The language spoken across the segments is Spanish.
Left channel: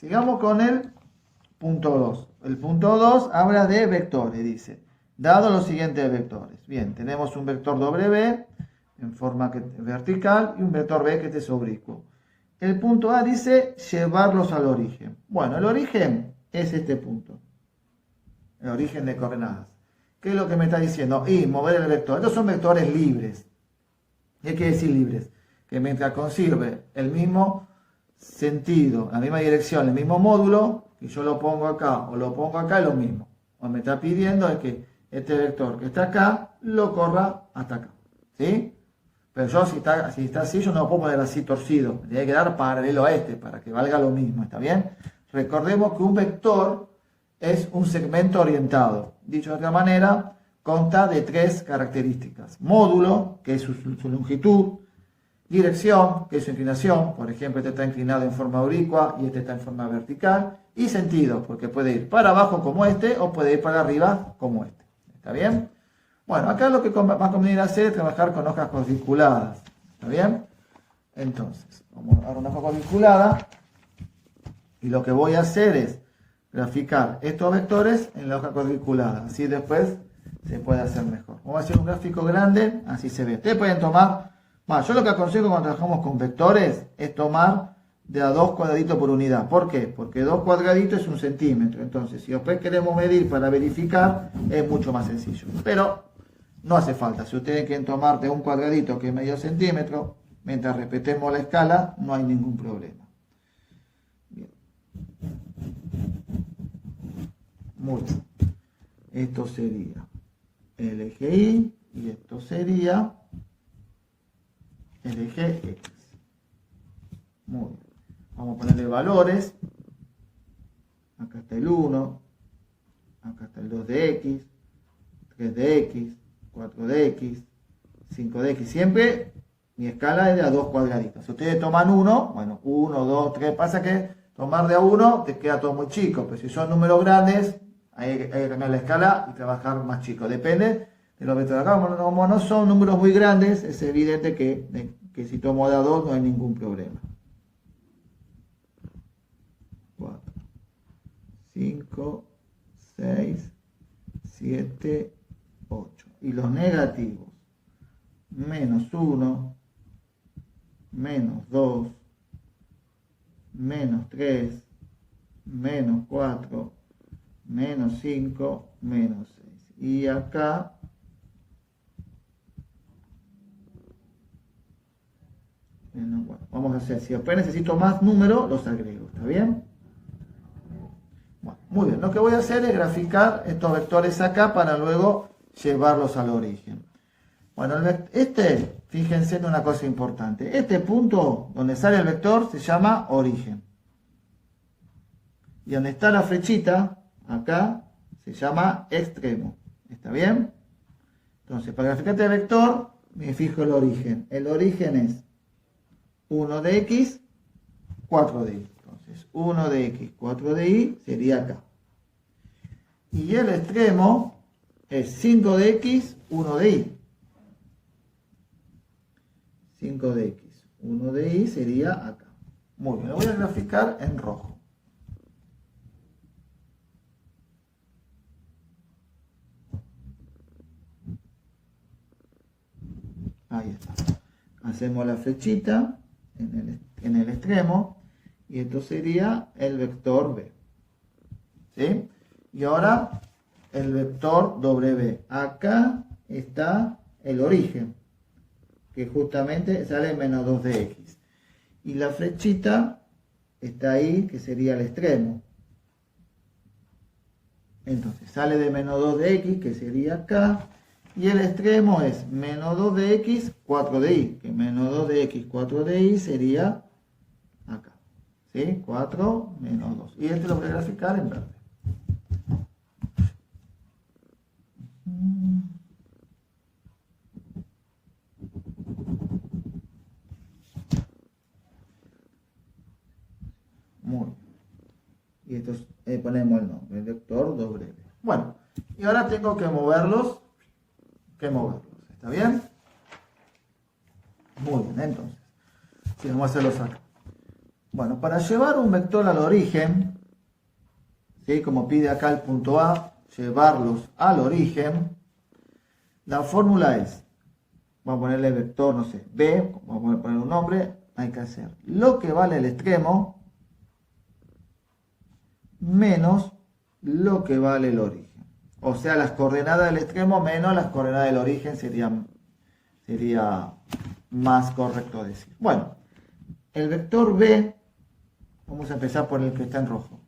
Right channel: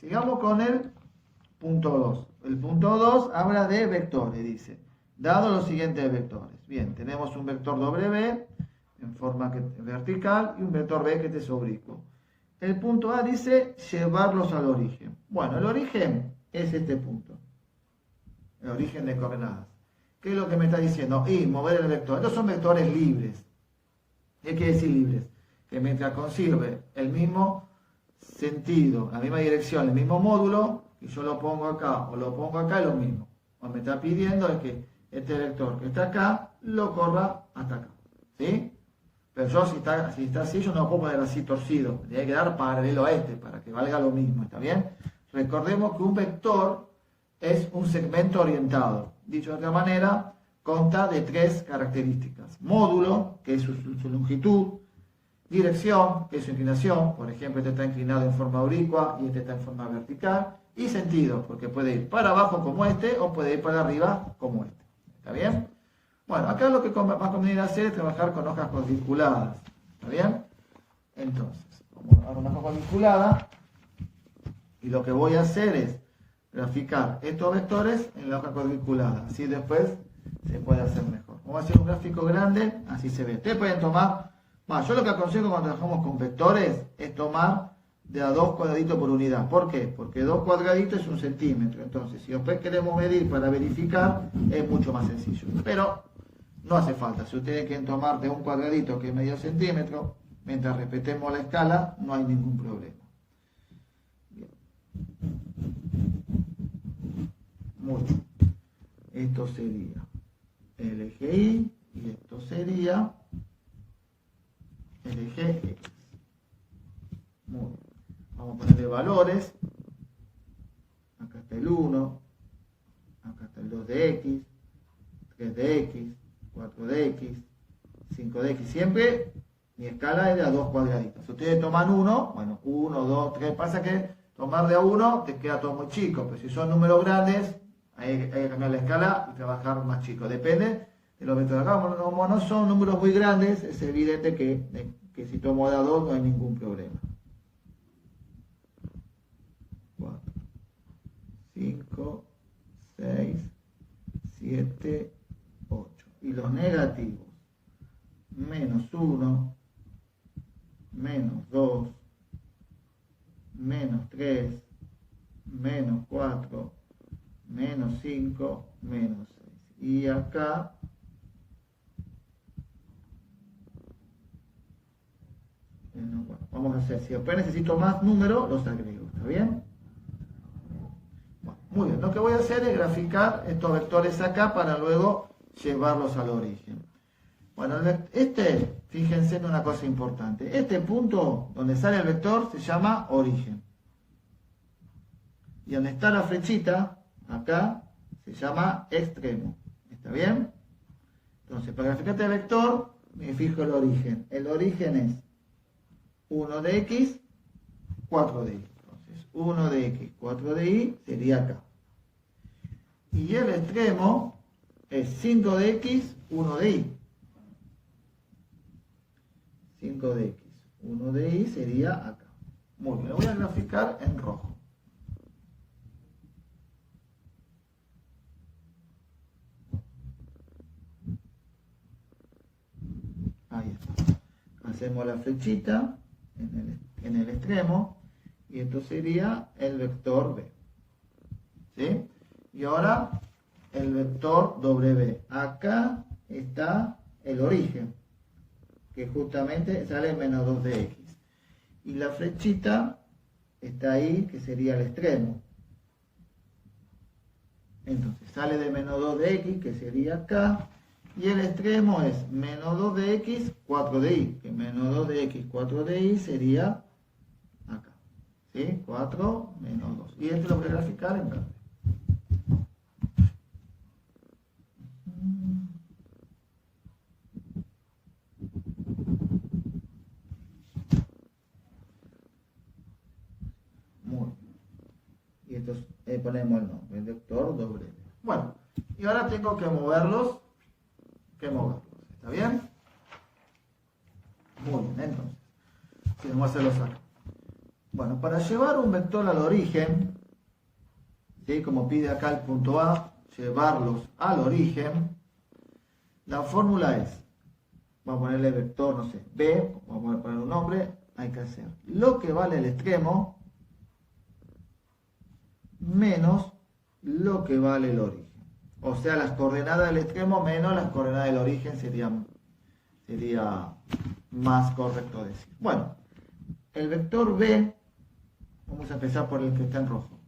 Sigamos con el punto 2. El punto 2 habla de vectores, dice. Dado los siguientes vectores. Bien, tenemos un vector W en forma vertical y un vector B que es oblicuo. El punto A dice llevarlos al origen. Bueno, el origen es este punto. El origen de coordenadas. ¿Qué es lo que me está diciendo? Y mover el vector. Estos son vectores libres. ¿Qué quiere decir libres? Que mientras conserve el mismo sentido, la misma dirección, el mismo módulo, y yo lo pongo acá o lo pongo acá, es lo mismo. Lo que me está pidiendo es que este vector que está acá, lo corra hasta acá. ¿Sí? Pero yo si está así, yo no lo puedo poner así torcido. Me tiene que dar paralelo a este, para que valga lo mismo. ¿Está bien? Recordemos que un vector es un segmento orientado. Dicho de otra manera, consta de tres características. Módulo, que es su longitud. Dirección, que es su inclinación. Por ejemplo, este está inclinado en forma oblicua y este está en forma vertical. Y sentido, porque puede ir para abajo como este o puede ir para arriba como este. ¿Está bien? Bueno, acá lo que va a convenir hacer es trabajar con hojas cuadriculadas. ¿Está bien? Entonces, vamos a dar una hoja cuadriculada. Y lo que voy a hacer es graficar estos vectores en la hoja cuadriculada. Así después se puede hacer mejor. Vamos a hacer un gráfico grande, así se ve. Ustedes pueden tomar, yo lo que aconsejo cuando trabajamos con vectores es tomar de a 2 cuadraditos por unidad. ¿Por qué? Porque 2 cuadraditos es 1 centímetro. Entonces, si después queremos medir para verificar, es mucho más sencillo. Pero no hace falta. Si ustedes quieren tomar de un cuadradito que es medio centímetro, mientras respetemos la escala, no hay ningún problema. Bien. Muy bien. Esto sería el eje Y y esto sería el eje X. Muy bien. Vamos a ponerle valores. Acá está el 1, acá está el 2 de X, 3 de X, 4 de X, 5 de X. Siempre mi escala es de a 2 cuadraditos. Si ustedes toman 1, bueno, 1, 2, 3, pasa que tomar de a 1 te queda todo muy chico, pero si son números grandes, hay que cambiar la escala y trabajar más chico. Depende de los vectores. Acá, como no son números muy grandes, es evidente que si tomo de a 2 no hay ningún problema. 4, 5, 6, 7, 8. Y los negativos, menos 1, menos 2, menos 3, menos 4, menos 5, menos 6. Y acá, bueno, vamos a hacer, si después necesito más números, los agrego, ¿está bien? Bueno, muy bien, lo que voy a hacer es graficar estos vectores acá para luego llevarlos al origen. Bueno, fíjense en una cosa importante. Este punto donde sale el vector se llama origen. Y donde está la flechita, acá, se llama extremo. ¿Está bien? Entonces, para graficar este vector, me fijo el origen. El origen es 1 de X, 4 de Y. Entonces, 1 de X, 4 de Y sería acá. Y el extremo es 5 de X, 1 de Y. 5 de X, 1 de Y sería acá. Muy bien, lo voy a graficar en rojo. Ahí está. Hacemos la flechita en el extremo y esto sería el vector B. ¿Sí? Y ahora el vector W. Acá está el origen, que justamente sale menos 2 de X. Y la flechita está ahí, que sería el extremo. Entonces sale de menos 2 de X, que sería acá. Y el extremo es menos 2 de X, 4 de Y. Que menos 2 de X, 4 de Y sería acá. ¿Sí? 4 menos 2. Y esto lo voy a graficar en verde. Muy bien. Y esto ponemos el nombre, el vector W. Bueno, y ahora tengo que moverlos. ¿Está bien? Muy bien, entonces. Sí, vamos a hacerlos acá. Bueno. Bueno, para llevar un vector al origen, ¿sí? Como pide acá el punto A, llevarlos al origen, la fórmula es, vamos a ponerle vector, no sé, B, vamos a poner un nombre, hay que hacer lo que vale el extremo menos lo que vale el origen. O sea, las coordenadas del extremo menos las coordenadas del origen sería más correcto decir. Bueno, el vector B, vamos a empezar por el que está en rojo.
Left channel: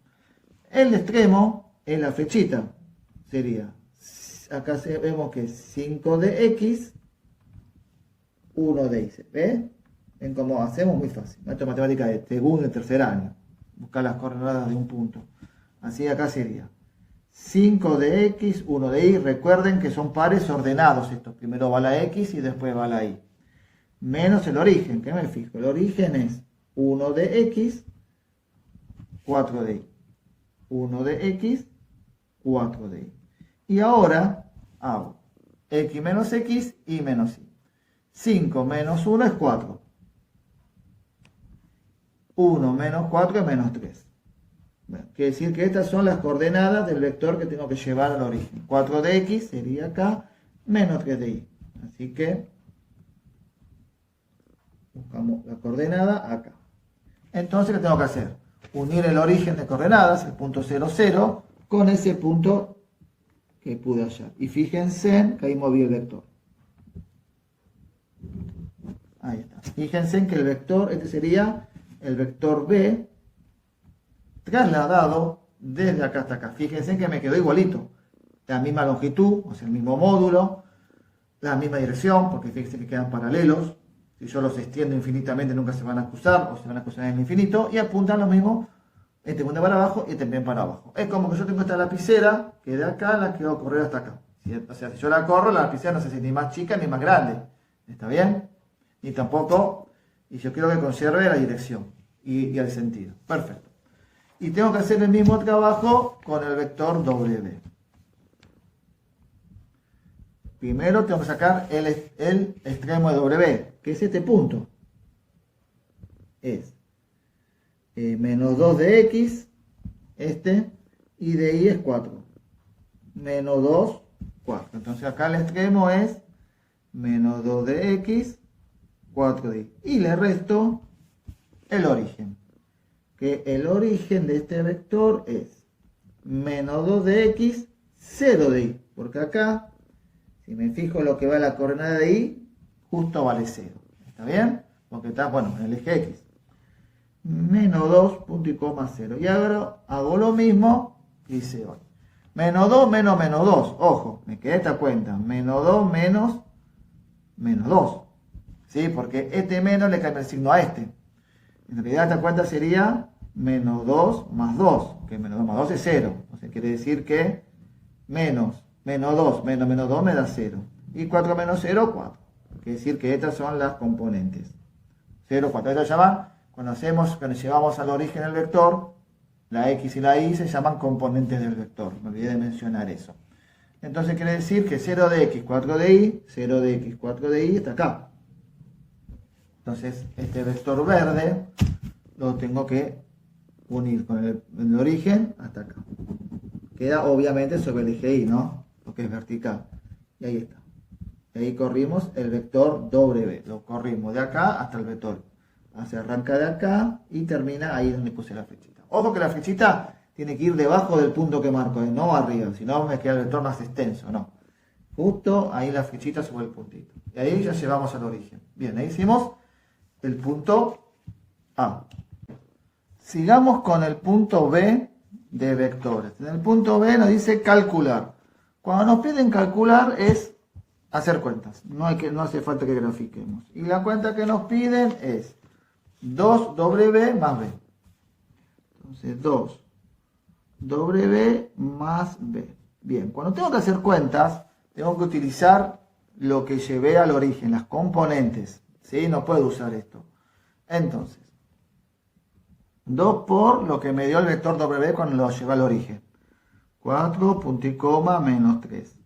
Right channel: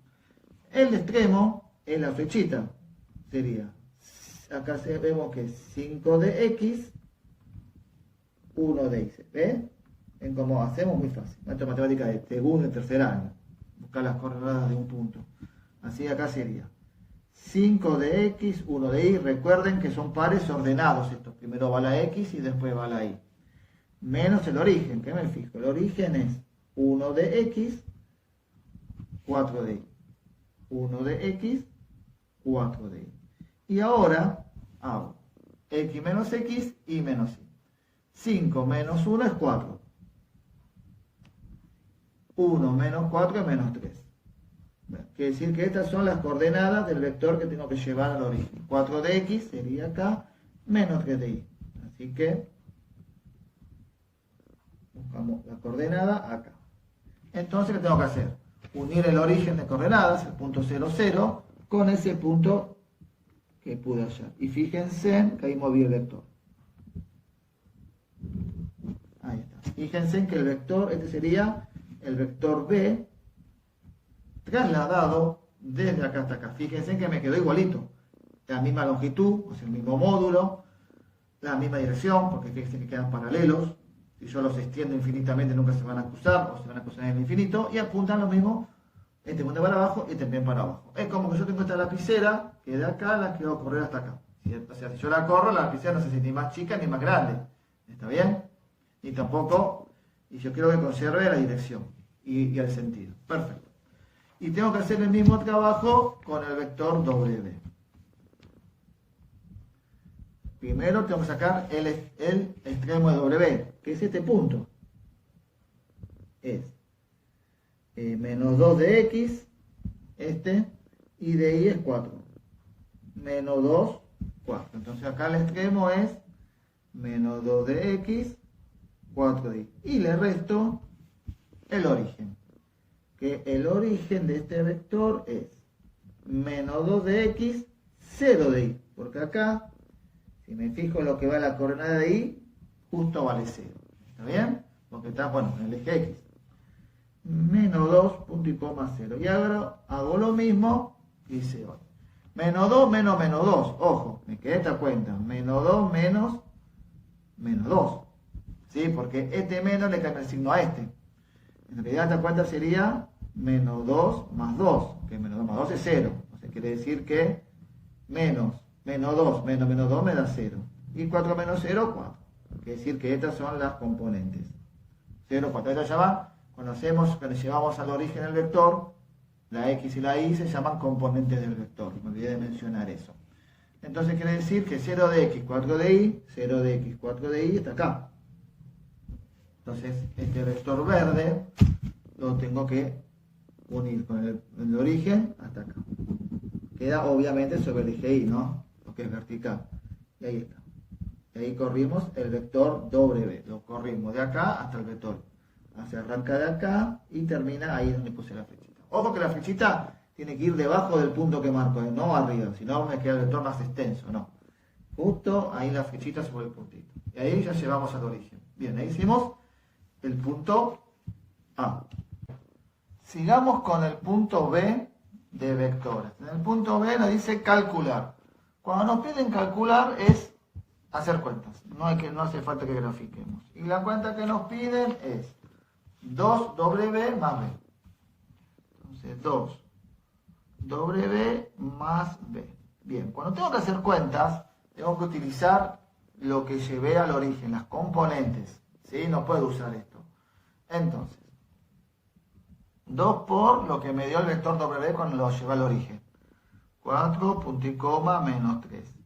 El extremo es la flechita, sería, acá vemos que 5 de X, 1 de Y. ¿Ve? En cómo hacemos, muy fácil. Esto es matemática de segundo y tercer año. Buscar las coordenadas de un punto. Así acá sería 5 de X, 1 de Y. Recuerden que son pares ordenados estos. Primero va la X y después va la Y. Menos el origen, que me fijo. El origen es 1 de X, 4 de Y. 1 de X, 4 de Y. Y ahora hago X menos X y menos Y. 5 menos 1 es 4. 1 menos 4 es menos 3. Bueno, quiere decir que estas son las coordenadas del vector que tengo que llevar al origen. 4 de X sería acá, menos 3 de Y. Así que buscamos la coordenada acá. Entonces, ¿qué tengo que hacer? Unir el origen de coordenadas, el punto 0, 0, con ese punto que pude hallar. Y fíjense que ahí moví el vector. Ahí está. Fíjense que el vector, este sería el vector B, trasladado desde acá hasta acá. Fíjense que me quedó igualito. La misma longitud, o sea, el mismo módulo, la misma dirección, porque fíjense que quedan paralelos. Si yo los extiendo infinitamente nunca se van a cruzar, o se van a cruzar en el infinito, y apuntan lo mismo, este punto para abajo y también para abajo. Es como que yo tengo esta lapicera, que de acá la quiero correr hasta acá. O sea, si yo la corro, la lapicera no se hace ni más chica ni más grande. ¿Está bien? Y tampoco, y yo quiero que conserve la dirección y el sentido. Perfecto. Y tengo que hacer el mismo trabajo con el vector W. Primero tengo que sacar el extremo de W, que es este punto. Es menos 2 de X, y de Y es 4. Menos 2, 4. Entonces acá el extremo es menos 2 de X, 4 de Y. Y le resto el origen. Que el origen de este vector es menos 2 de X, 0 de Y. Porque acá, si me fijo lo que va a la coordenada de Y, justo vale 0. ¿Está bien? Porque está, bueno, en el eje X. Menos 2, punto y coma 0. Y ahora hago lo mismo que hice hoy. Menos 2 menos menos 2. Ojo, me quedé esta cuenta. Menos 2 menos menos 2. ¿Sí? Porque este menos le cambia el signo a este. En realidad esta cuenta sería menos 2 más 2. Que menos 2 más 2 es 0. O sea, quiere decir que menos 2 menos menos 2 me da 0. Y 4 menos 0, 4. Quiere decir que estas son las componentes. 0, 4. Estas llaman, cuando llevamos al origen el vector, la X y la Y se llaman componentes del vector. Me olvidé de mencionar eso. Entonces quiere decir que 0 de X, 4 de Y, 0 de X, 4 de Y está acá. Entonces este vector verde lo tengo que unir con el origen hasta acá. Queda obviamente sobre el eje Y, ¿no? Lo que es vertical. Y ahí está. Y ahí corrimos el vector W. Lo corrimos de acá hasta el vector. Se arranca de acá y termina ahí donde puse la flechita. Ojo que la flechita tiene que ir debajo del punto que marco, no arriba. Si no me queda el vector más extenso, no. Justo ahí la flechita sobre el puntito. Y ahí ya llevamos al origen. Bien, ahí hicimos el punto A. Sigamos con el punto B de vectores. En el punto B nos dice calcular. Cuando nos piden calcular es hacer cuentas. No hace falta que grafiquemos. Y la cuenta que nos piden es 2W más B. Entonces 2W más B. Bien, cuando tengo que hacer cuentas, tengo que utilizar lo que llevé al origen, las componentes. ¿Sí? No puedo usar esto. Entonces, 2 por lo que me dio el vector W cuando lo llevé al origen. 4, punto y coma, menos 3.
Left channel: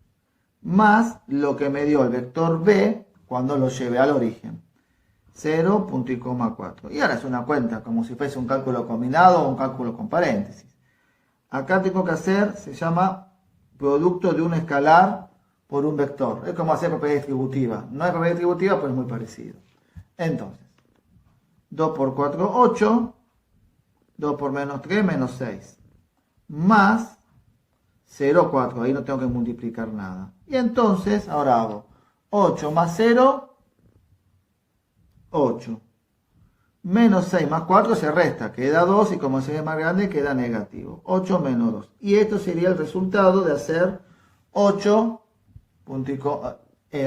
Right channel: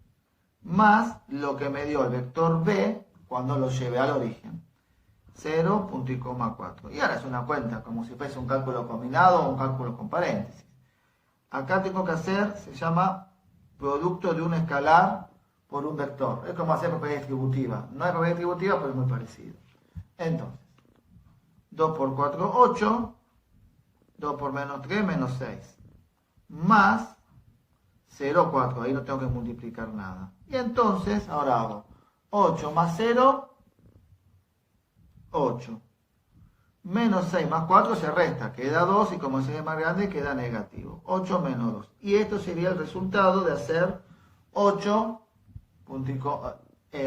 Más lo que me dio el vector B cuando lo llevé al origen. 0, punto y coma 4. Y ahora es una cuenta, como si fuese un cálculo combinado o un cálculo con paréntesis. Acá tengo que hacer, se llama producto de un escalar por un vector. Es como hacer propiedad distributiva. No es propiedad distributiva, pero es muy parecido. Entonces, 2 por 4, 8. 2 por menos 3, menos 6. Más 0, 4. Ahí no tengo que multiplicar nada. Y entonces, ahora hago 8 más 0, 8. Menos 6 más 4 se resta, queda 2 y como 6 es más grande queda negativo. 8 menos 2. Y esto sería el resultado de hacer 8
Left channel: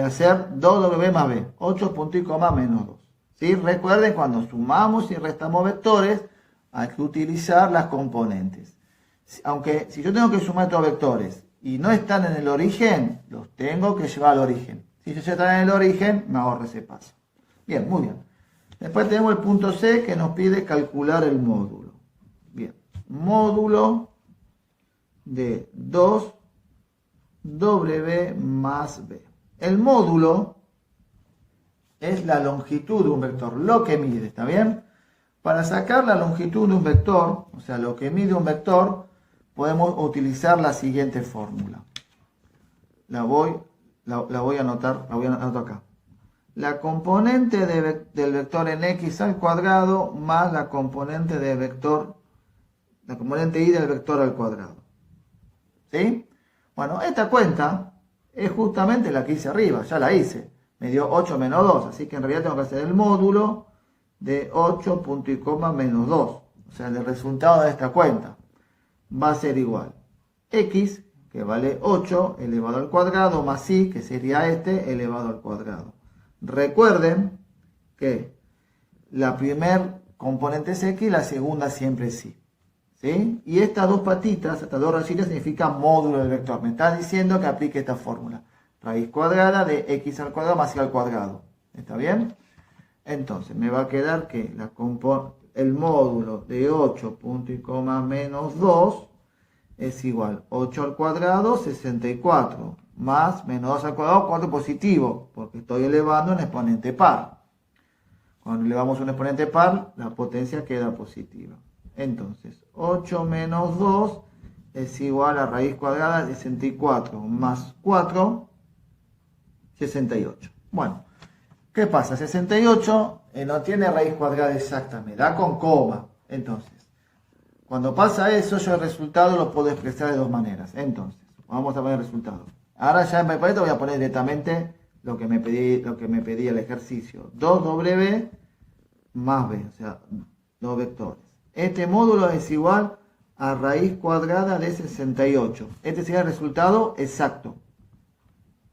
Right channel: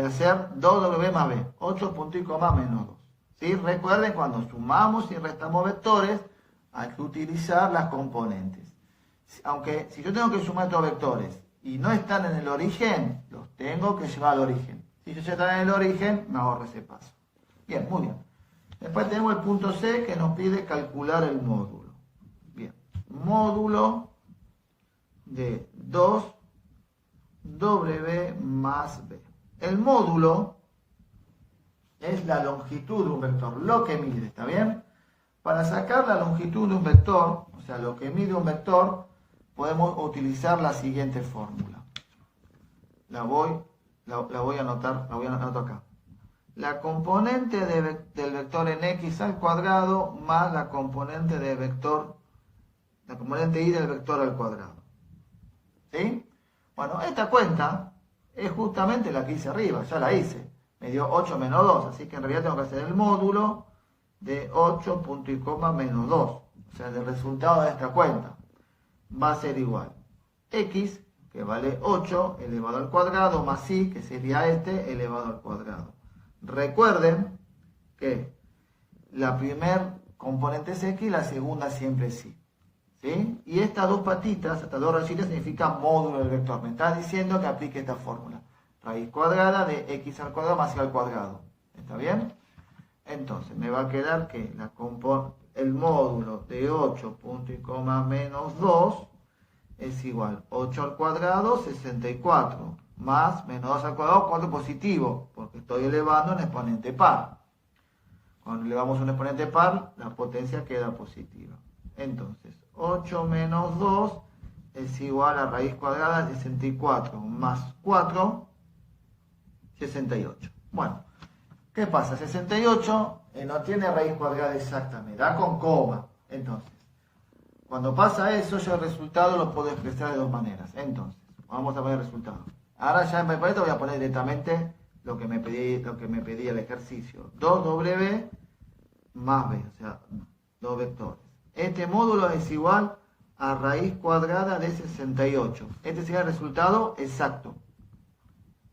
hacer 2w más b. 8 punto y coma menos 2. ¿Sí? Recuerden, cuando sumamos y restamos vectores, hay que utilizar las componentes. Aunque si yo tengo que sumar estos vectores y no están en el origen, los tengo que llevar al origen. Si ellos están en el origen, me ahorro ese paso. Bien, muy bien. Después tenemos el punto C que nos pide calcular el módulo. Bien, módulo de 2W más B. El módulo es la longitud de un vector, lo que mide, ¿está bien? Para sacar la longitud de un vector, o sea, lo que mide un vector, podemos utilizar la siguiente fórmula. La voy a anotar acá. La componente del vector en x al cuadrado más la componente y del vector al cuadrado. ¿Sí? Bueno, esta cuenta es justamente la que hice arriba, ya la hice. Me dio 8 menos 2, así que en realidad tengo que hacer el módulo de 8 punto y coma menos 2. O sea, el resultado de esta cuenta va a ser igual x, que vale 8, elevado al cuadrado, más y, que sería este, elevado al cuadrado. Recuerden que la primer componente es x, la segunda siempre es y. ¿Sí? Y estas dos patitas, estas dos rayitas, significan módulo del vector. Me está diciendo que aplique esta fórmula. Raíz cuadrada de x al cuadrado más y al cuadrado. ¿Está bien? Entonces, me va a quedar que el módulo de 8 punto y coma menos 2 es igual 8 al cuadrado, 64. Más menos 2 al cuadrado, 4 positivo, porque estoy elevando un exponente par. Cuando elevamos un exponente par, la potencia queda positiva. Entonces, 8 menos 2 es igual a raíz cuadrada de 64 más 4, 68. Bueno, ¿qué pasa? 68 no tiene raíz cuadrada exacta, me da con coma. Entonces, cuando pasa eso, yo el resultado lo puedo expresar de dos maneras. Entonces, vamos a poner el resultado. Ahora ya en papelito voy a poner directamente lo que me pedía el ejercicio. 2W más B, o sea, dos vectores. Este módulo es igual a raíz cuadrada de 68. Este sería el resultado exacto,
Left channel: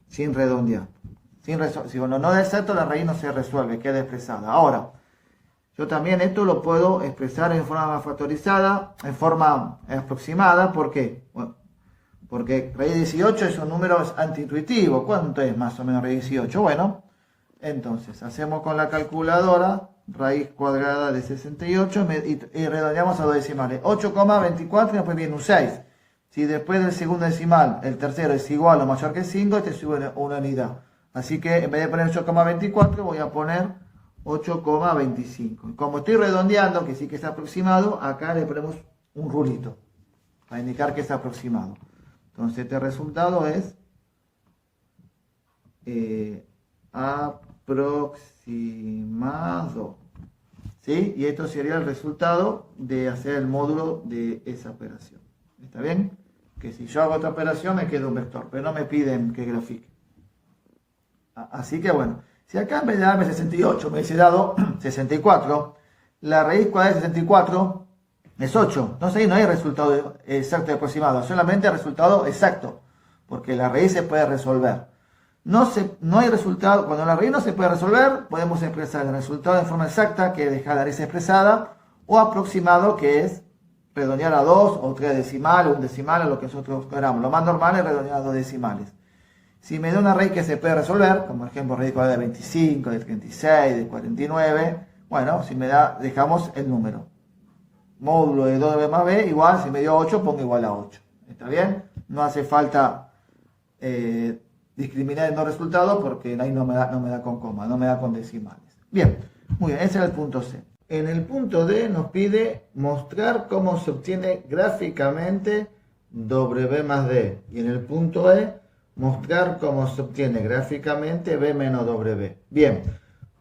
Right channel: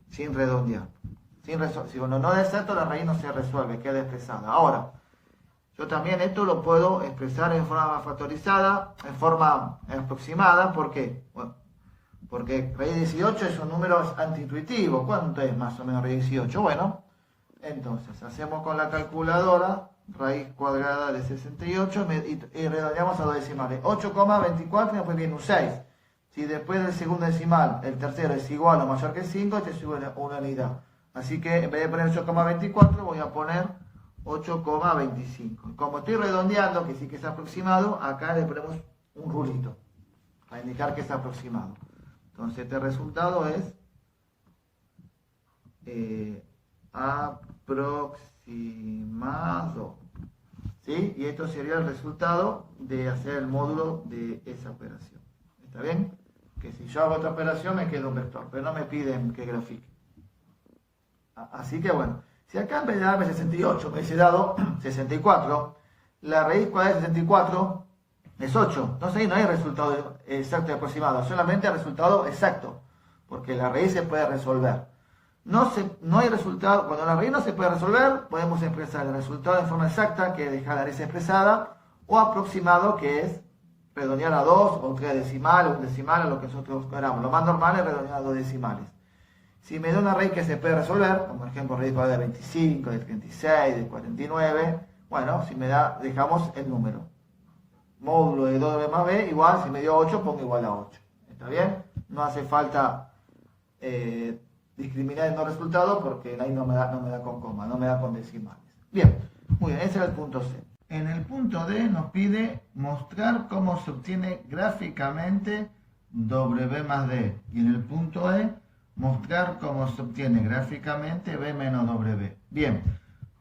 sin redondear. Si cuando no es exacto, la raíz no se resuelve, queda expresada. Ahora, yo también esto lo puedo expresar en forma factorizada, en forma aproximada. ¿Por qué? Bueno, porque raíz de 18 es un número antiintuitivo. ¿Cuánto es más o menos raíz de 18? Bueno, entonces hacemos con la calculadora raíz cuadrada de 68 y redondeamos a dos decimales. 8,24 y después viene un 6. Si después del segundo decimal el tercero es igual o mayor que 5, este sube una unidad. Así que en vez de poner 8,24 voy a poner 8,25. Como estoy redondeando, que sí que es aproximado, acá le ponemos un rulito para indicar que es aproximado. Entonces este resultado es aproximado. ¿Sí? Y esto sería el resultado de hacer el módulo de esa operación. ¿Está bien? Que si yo hago otra operación me queda un vector, pero no me piden que grafique. Así que bueno, si acá en vez de darme 68 me hubiese dado 64, la raíz cuadrada de 64 es 8. Entonces ahí no hay resultado exacto y aproximado, solamente resultado exacto, porque la raíz se puede resolver. No hay resultado, cuando la raíz no se puede resolver, podemos expresar el resultado de forma exacta, que es dejar la raíz expresada, o aproximado, que es redondear a 2 o 3 decimales, un decimal, a lo que nosotros queramos. Lo más normal es redondear a 2 decimales. Si me da una raíz que se puede resolver, como por ejemplo raíz cuadrada de 25, de 36, de 49, bueno, si me da, dejamos el número. Módulo de 2b más b, igual, si me dio 8, pongo igual a 8. ¿Está bien? No hace falta discriminar el no resultado porque ahí no me da con coma, no me da con decimales. Bien, Muy bien, ese es el punto C. En el punto D nos pide mostrar cómo se obtiene gráficamente W más D. Y en el punto E, mostrar cómo se obtiene gráficamente B menos W. Bien,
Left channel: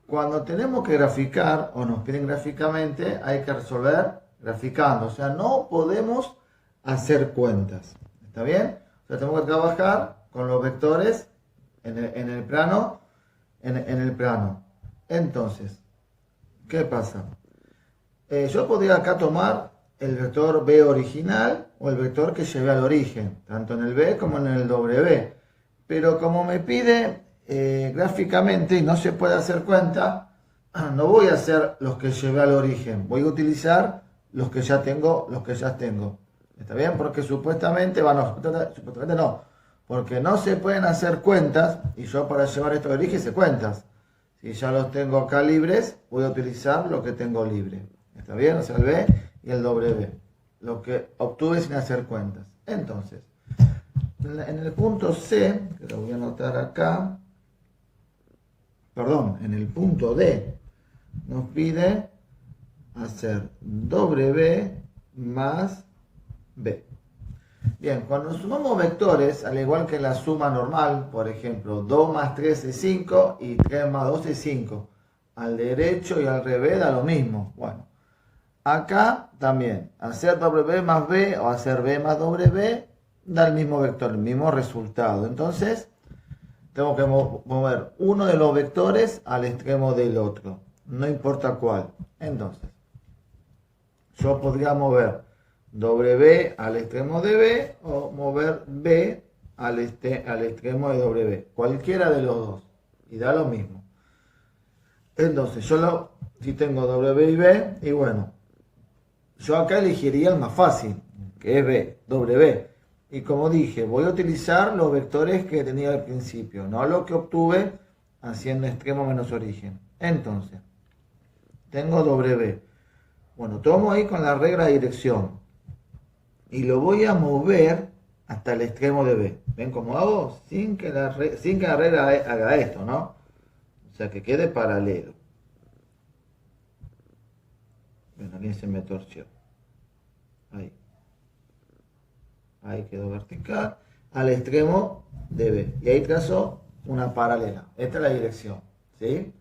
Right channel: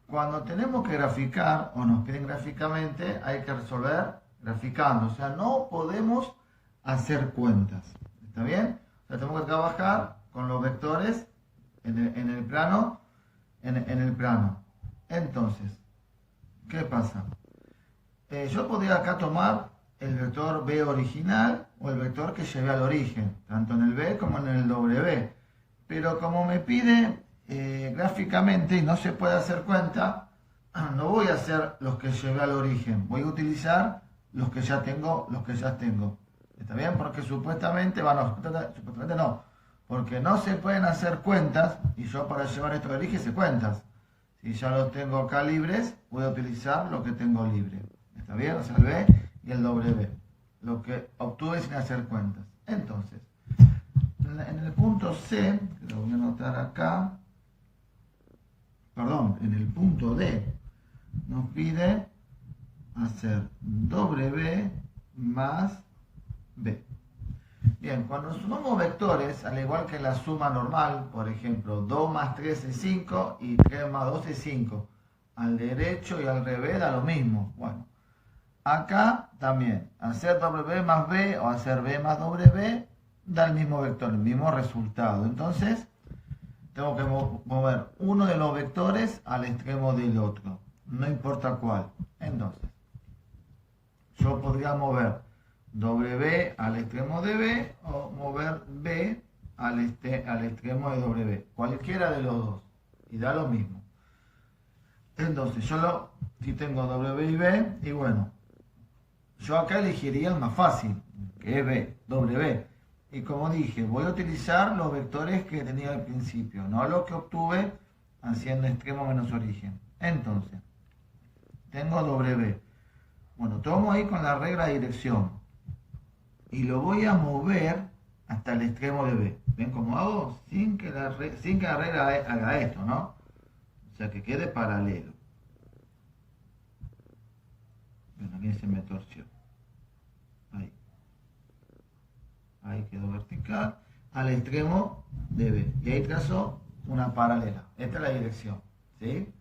cuando tenemos que graficar o nos piden gráficamente, hay que resolver graficando. O sea, no podemos hacer cuentas. ¿Está bien? O sea, tenemos que trabajar con los vectores en el plano. En el plano. Entonces, ¿qué pasa? Yo podría acá tomar el vector B original o el vector que lleve al origen, tanto en el B como en el W. Pero como me pide gráficamente y no se puede hacer cuenta, no voy a hacer los que llevé al origen, voy a utilizar los que ya tengo, ¿Está bien? Porque supuestamente no, porque no se pueden hacer cuentas y yo para llevar esto al origen hice cuentas. Si ya los tengo acá libres, voy a utilizar lo que tengo libre. ¿Está bien? O sea, el B y el W. Lo que obtuve sin hacer cuentas. Entonces, en el punto C, que lo voy a anotar acá, perdón, en el punto D, nos pide hacer W más B. Bien, cuando sumamos vectores, al igual que la suma normal, por ejemplo, 2 más 3 es 5 y 3 más 2 es 5. Al derecho y al revés da lo mismo. Bueno, acá también, hacer W más B o hacer B más W da el mismo vector, el mismo resultado. Entonces, tengo que mover uno de los vectores al extremo del otro, no importa cuál. Entonces, yo podría mover W al extremo de B o mover B al extremo de W, cualquiera de los dos, y da lo mismo. Entonces, si tengo W y B, y bueno, yo acá elegiría el más fácil, que es B, W. Y como dije, voy a utilizar los vectores que tenía al principio, no lo que obtuve haciendo extremo menos origen. Entonces, tengo W. Bueno, tomo ahí con la regla de dirección y lo voy a mover hasta el extremo de B. ¿Ven cómo hago? Sin que la regla haga esto, ¿no? O sea, que quede paralelo. Ven, aquí se me torció. Ahí quedó vertical. Al extremo de B. Y ahí trazo una paralela. Esta es la dirección. ¿Sí?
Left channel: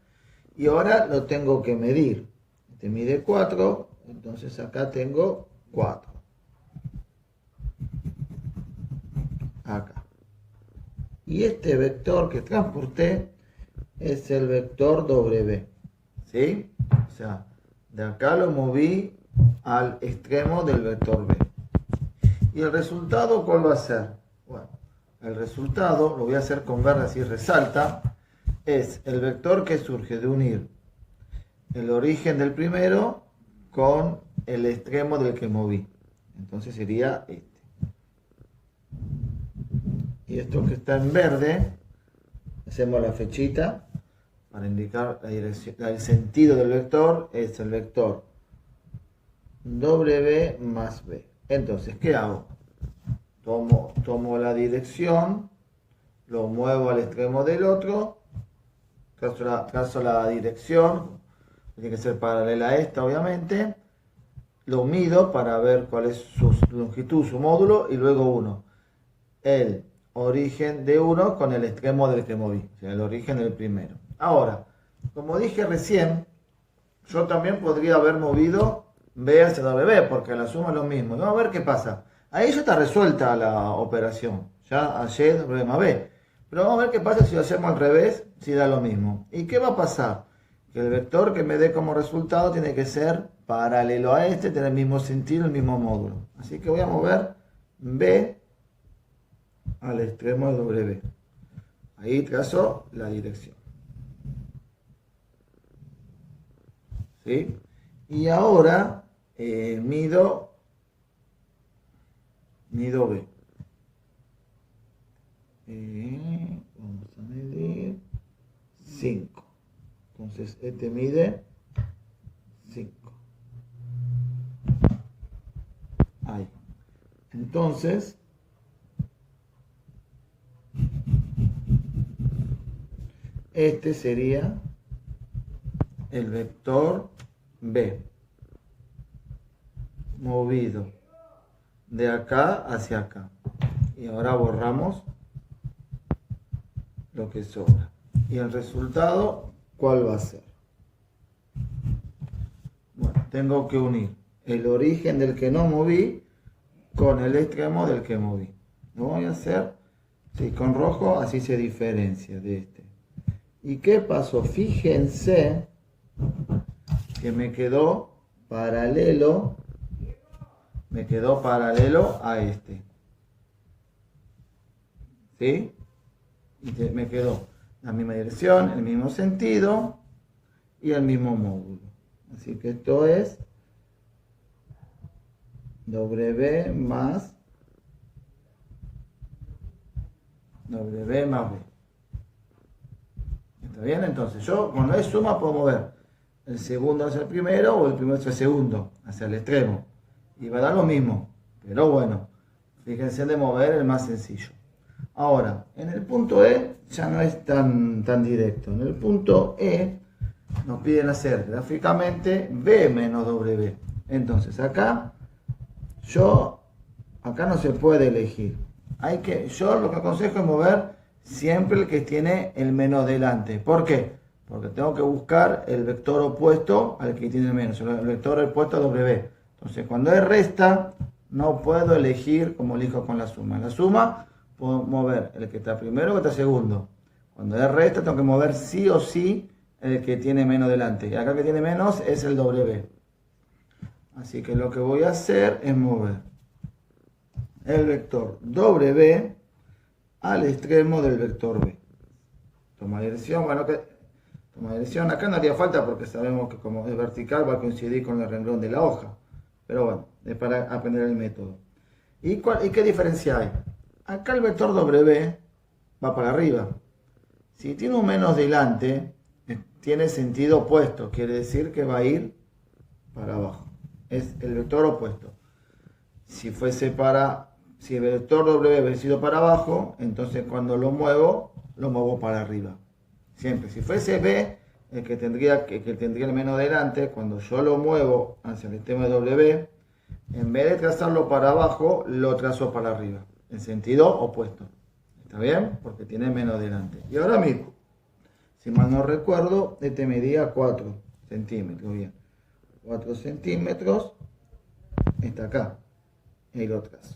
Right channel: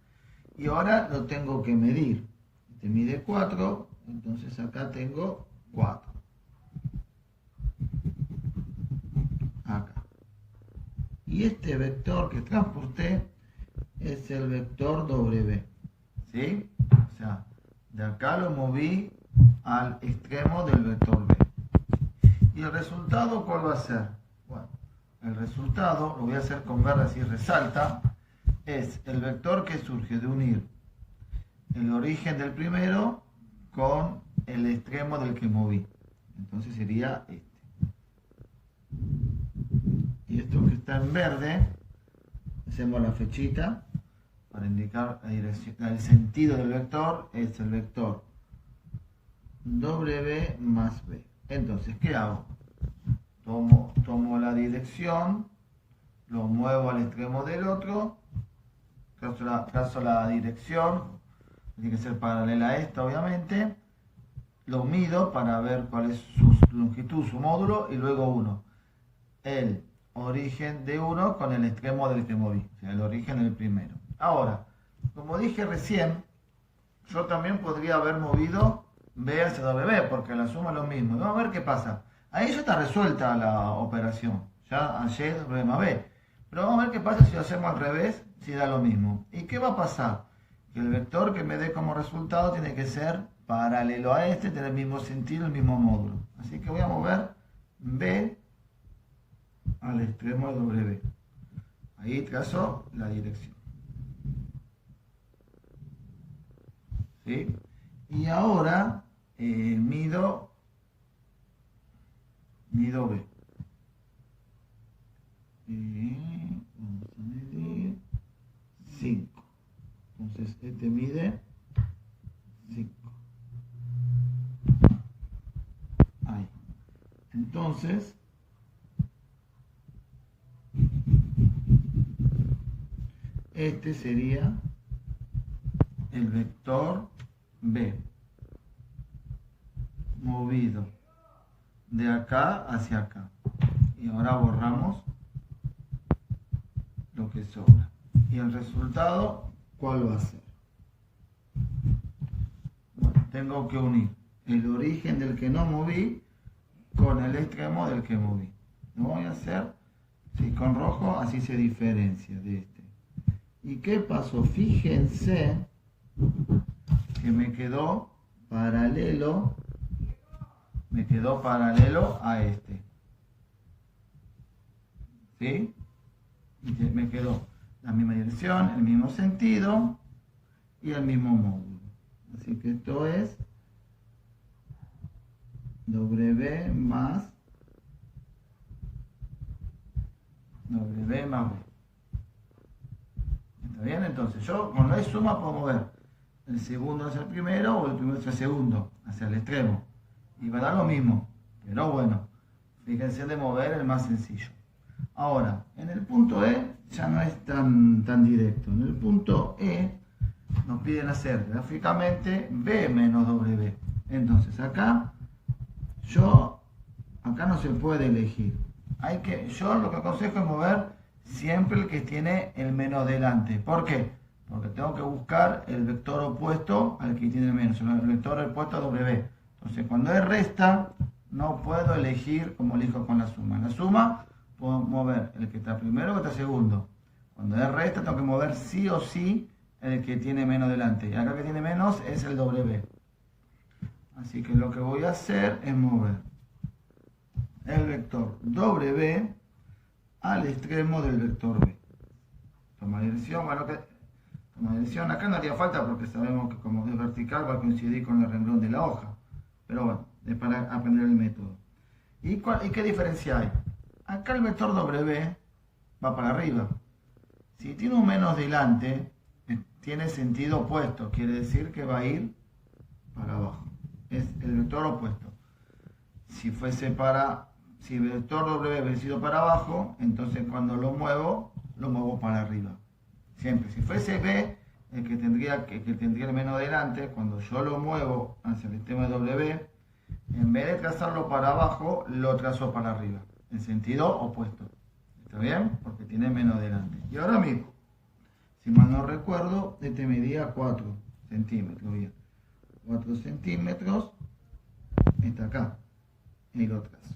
Y ahora lo tengo que medir. Este mide 4. Entonces acá tengo 4. Acá. Y este vector que transporté es el vector W. ¿Sí? O sea, de acá lo moví al extremo del vector B. ¿Y el resultado cuál va a ser? Bueno, el resultado, lo voy a hacer con verde así resalta, es el vector que surge de unir el origen del primero con el extremo del que moví. Entonces sería este. Y esto que está en verde, hacemos la flechita para indicar la dirección, el sentido del vector, es el vector W más B. Entonces, ¿qué hago? Tomo la dirección, lo muevo al extremo del otro, trazo la dirección, tiene que ser paralela a esta obviamente, lo mido para ver cuál es su longitud, su módulo, y luego uno. El origen de uno con el extremo del que moví, o sea, el origen del primero. Ahora, como dije recién, yo también podría haber movido B hacia W, porque la suma es lo mismo. Vamos a ver qué pasa. Ahí ya está resuelta la operación. Ya Y W más B. Pero vamos a ver qué pasa si lo hacemos al revés, si da lo mismo. ¿Y qué va a pasar? Que el vector que me dé como resultado tiene que ser paralelo a este, tener el mismo sentido, el mismo módulo. Así que voy a mover B al extremo de W. Ahí trazo la dirección. ¿Sí? Y ahora mido B. Vamos a medir 5. Entonces este mide 5. Ahí. Entonces, este sería el vector B, movido de acá hacia acá. Y ahora borramos lo que sobra. Y el resultado, ¿cuál va a ser? Bueno, tengo que unir el origen del que no moví con el extremo del que moví. Lo voy a hacer con rojo, así se diferencia de este. ¿Y qué pasó? Fíjense que me quedó paralelo a este. ¿Sí? Y me quedó la misma dirección, el mismo sentido y el mismo módulo. Así que esto es W más B. ¿Está bien? Entonces yo, cuando es suma, puedo mover el segundo hacia el primero o el primero hacia el segundo, hacia el extremo. Y va a dar lo mismo. Pero bueno, fíjense de mover el más sencillo. Ahora, en el punto E ya no es tan directo. En el punto E nos piden hacer gráficamente B menos W. Entonces acá no se puede elegir. Yo lo que aconsejo es mover siempre el que tiene el menos delante. ¿Por qué? Porque tengo que buscar el vector opuesto al que tiene el menos, el vector opuesto a W. Entonces cuando es resta, no puedo elegir como elijo con la suma. En la suma puedo mover el que está primero o el que está segundo. Cuando es resta, tengo que mover sí o sí el que tiene menos delante. Y acá el que tiene menos es el W. Así que lo que voy a hacer es mover el vector W al extremo del vector B. Toma dirección, acá no haría falta porque sabemos que como es vertical va a coincidir con el renglón de la hoja. Pero bueno, es para aprender el método. ¿Y qué diferencia hay? Acá el vector W va para arriba. Si tiene un menos delante, tiene sentido opuesto, quiere decir que va a ir para abajo. Es el vector opuesto. Si el vector W hubiese sido para abajo, entonces cuando lo muevo para arriba. Siempre, si fuese B, el que tendría el menos delante, cuando yo lo muevo hacia el extremo de W, en vez de trazarlo para abajo, lo trazo para arriba, en sentido opuesto. ¿Está bien? Porque tiene menos delante. Y ahora mismo, si mal no recuerdo, este medía 4 centímetros. Bien, 4 centímetros está acá. Y lo trazo.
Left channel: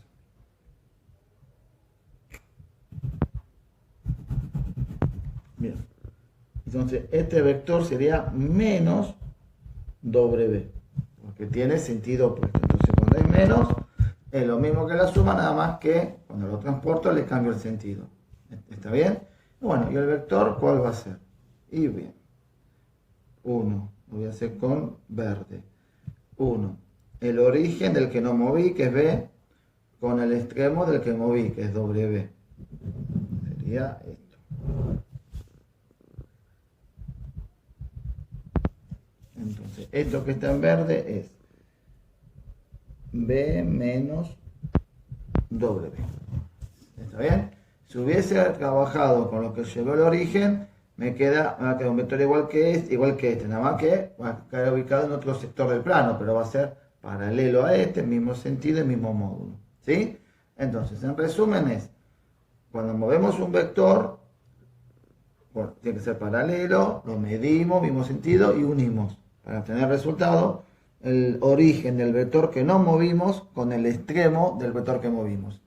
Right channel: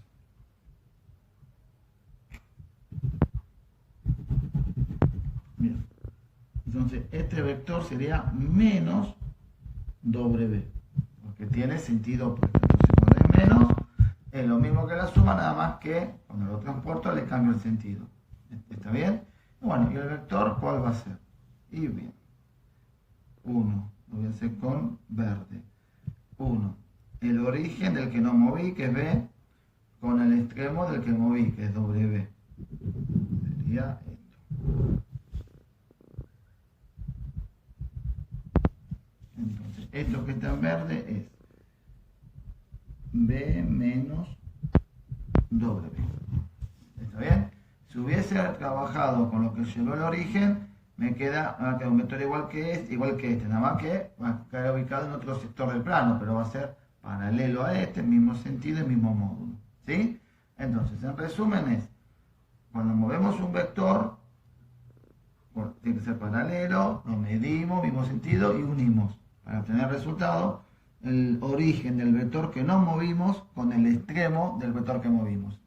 Bien. Entonces, este vector sería menos W, porque tiene sentido opuesto. Entonces, cuando es menos, es lo mismo que la suma, nada más que cuando lo transporto le cambio el sentido. ¿Está bien? Bueno, ¿y el vector cuál va a ser? Y bien, 1, lo voy a hacer con verde. 1, el origen del que no moví, que es B, con el extremo del que moví, que es W. Sería esto. Entonces, esto que está en verde es B menos W. ¿Está bien? Si hubiese trabajado con lo que llegó el origen, me queda un vector igual que este, nada más que va a quedar ubicado en otro sector del plano, pero va a ser paralelo a este, mismo sentido y mismo módulo. ¿Sí? Entonces, en resumen es, cuando movemos un vector, bueno, tiene que ser paralelo, lo medimos, mismo sentido y unimos para obtener el resultado, el origen del vector que no movimos con el extremo del vector que movimos.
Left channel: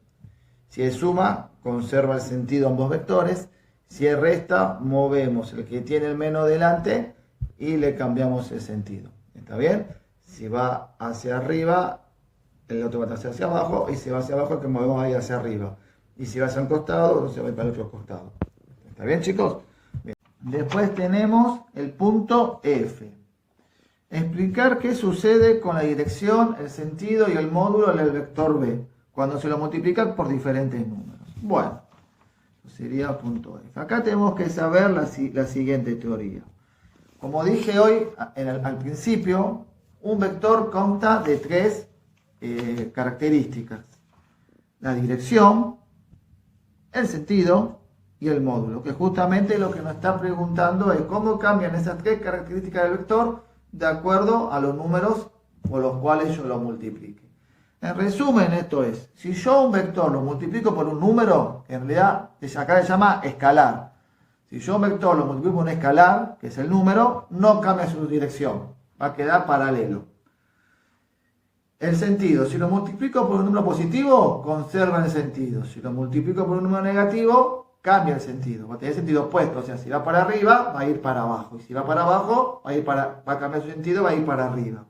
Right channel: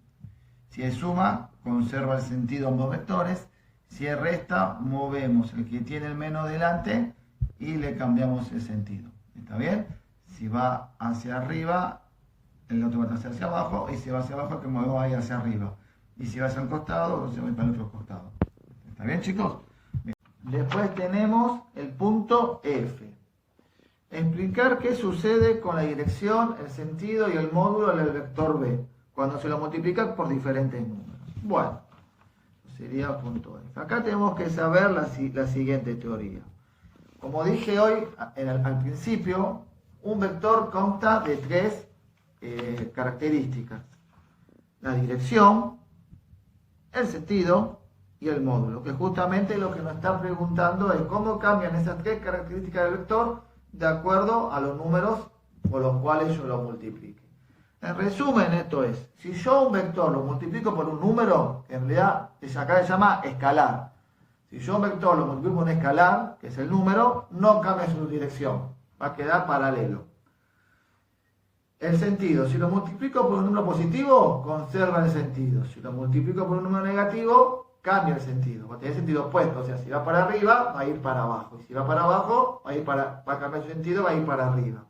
Si es suma, conserva el sentido ambos vectores. Si es resta, movemos el que tiene el menos delante y le cambiamos el sentido. ¿Está bien? Si va hacia arriba, el otro va a estar hacia abajo, y si va hacia abajo, el que movemos ahí hacia arriba. Y si va hacia un costado, entonces va para el otro costado. ¿Está bien, chicos? Bien. Después tenemos el punto F. Explicar qué sucede con la dirección, el sentido y el módulo del vector B cuando se lo multiplican por diferentes números. Bueno, sería punto F. Acá tenemos que saber la siguiente teoría. Como dije hoy al principio, un vector consta de 3 características: la dirección, el sentido y el módulo, que justamente lo que nos está preguntando es cómo cambian esas tres características del vector de acuerdo a los números por los cuales yo lo multiplique. En resumen, esto es, si yo un vector lo multiplico por un número, en realidad acá se llama escalar. Si yo un vector lo multiplico por un escalar, que es el número, no cambia su dirección, va a quedar paralelo. El sentido, si lo multiplico por un número positivo, conserva el sentido. Si lo multiplico por un número negativo, cambia el sentido. Va a tener sentido opuesto, o sea, si va para arriba, va a ir para abajo. Y si va para abajo, va a cambiar su sentido, va a ir para arriba.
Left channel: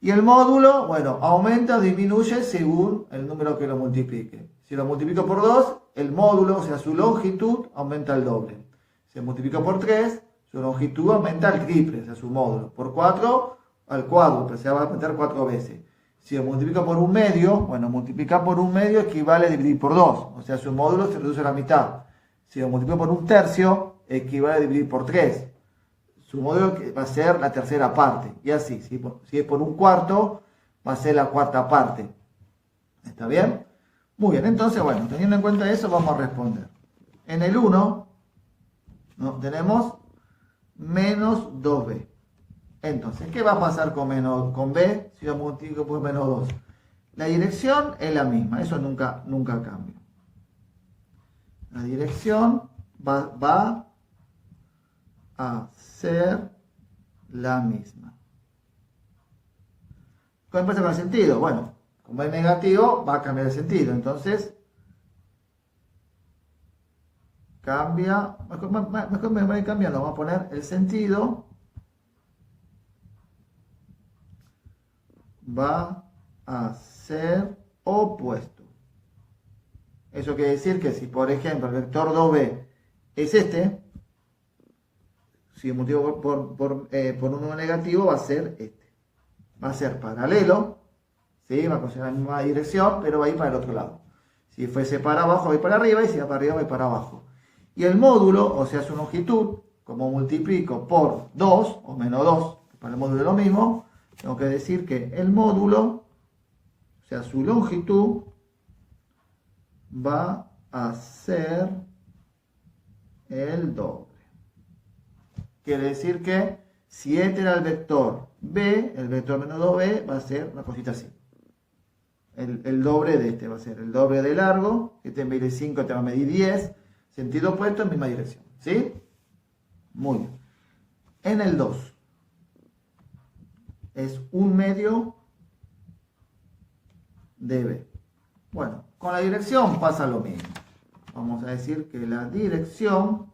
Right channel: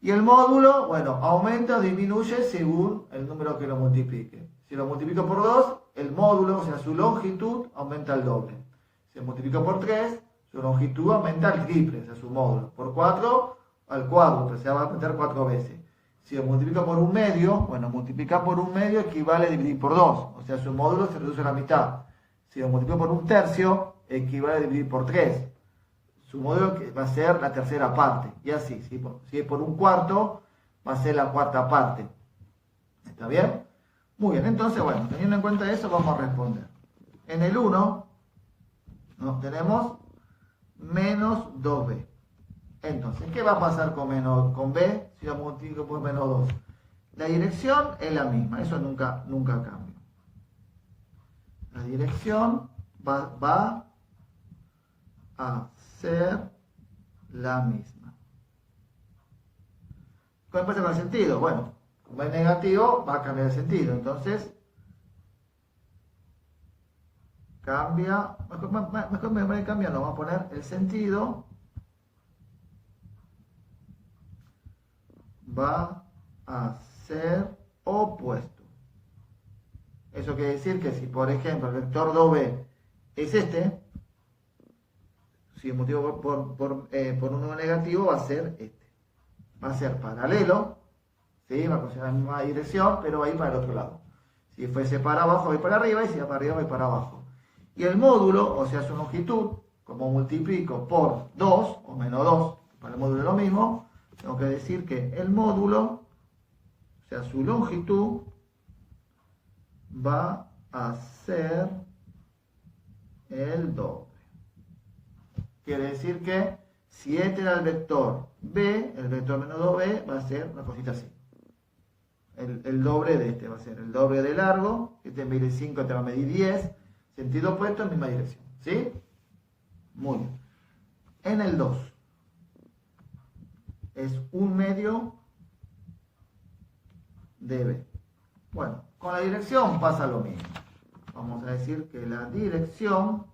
Y el módulo, bueno, aumenta o disminuye según el número que lo multiplique. Si lo multiplico por 2, el módulo, o sea, su longitud, aumenta el doble. Si lo multiplico por 3, su longitud aumenta el triple, o sea, su módulo. Por 4, al cuádruple, o sea, va a aumentar 4 veces. Si lo multiplico por un medio, bueno, multiplicar por un medio equivale a dividir por 2, o sea, su módulo se reduce a la mitad. Si lo multiplico por un tercio, equivale a dividir por 3. Su módulo va a ser la tercera parte. Y así, si es por un cuarto, va a ser la cuarta parte. ¿Está bien? Muy bien, entonces, bueno, teniendo en cuenta eso, vamos a responder. En el 1, ¿no? Tenemos menos 2b. Entonces, ¿qué va a pasar con b si lo multiplico por menos 2? La dirección es la misma, eso nunca cambia. La dirección va a ser la misma. ¿Cuál pasa con el sentido? Bueno, como es negativo, va a cambiar el sentido. Entonces, cambia, mejor me voy a cambiar, vamos a poner el sentido va a ser opuesto. Eso quiere decir que si, por ejemplo, el vector 2b es este, si multiplico por un número negativo, va a ser este. Va a ser paralelo, ¿sí? Va a considerar la misma dirección, pero va a ir para el otro lado. Si fuese para abajo, va a ir para arriba, y si va para arriba, va a ir para abajo. Y el módulo, o sea, su longitud, como multiplico por 2, o menos 2, para el módulo es lo mismo, tengo que decir que el módulo, o sea, su longitud, va a ser el doble. Quiere decir que si este era el vector b, el vector menos 2b va a ser una cosita así. El doble de este va a ser el doble de largo, este mide 5, este va a medir 10, sentido opuesto en misma dirección. ¿Sí? Muy bien. En el 2 es 1/2 de b. Bueno, con la dirección pasa lo mismo. Vamos a decir que la dirección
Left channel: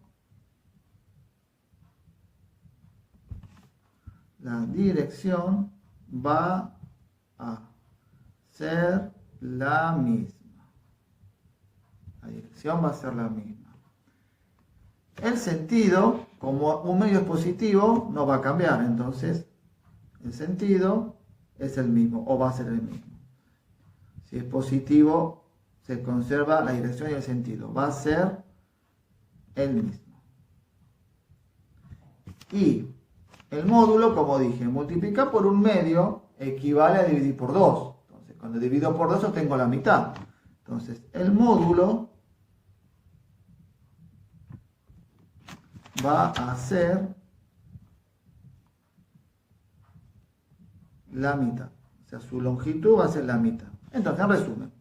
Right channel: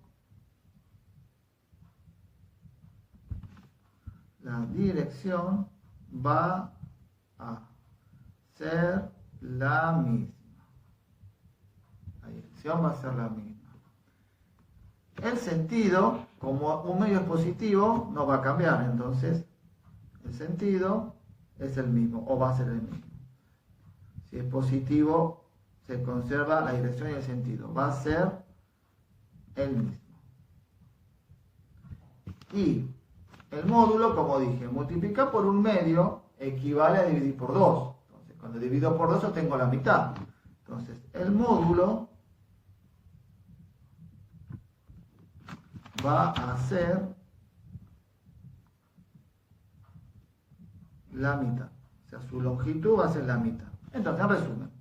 va a ser la misma. La dirección va a ser la misma. El sentido, como un medio es positivo, no va a cambiar. Entonces, el sentido es el mismo, o va a ser el mismo. Si es positivo, se conserva la dirección y el sentido. Va a ser el mismo. Y el módulo, como dije, multiplicar por un medio equivale a dividir por 2. Entonces, cuando divido por 2 obtengo la mitad. Entonces, el módulo va a ser la mitad. O sea, su longitud va a ser la mitad. Entonces, en resumen,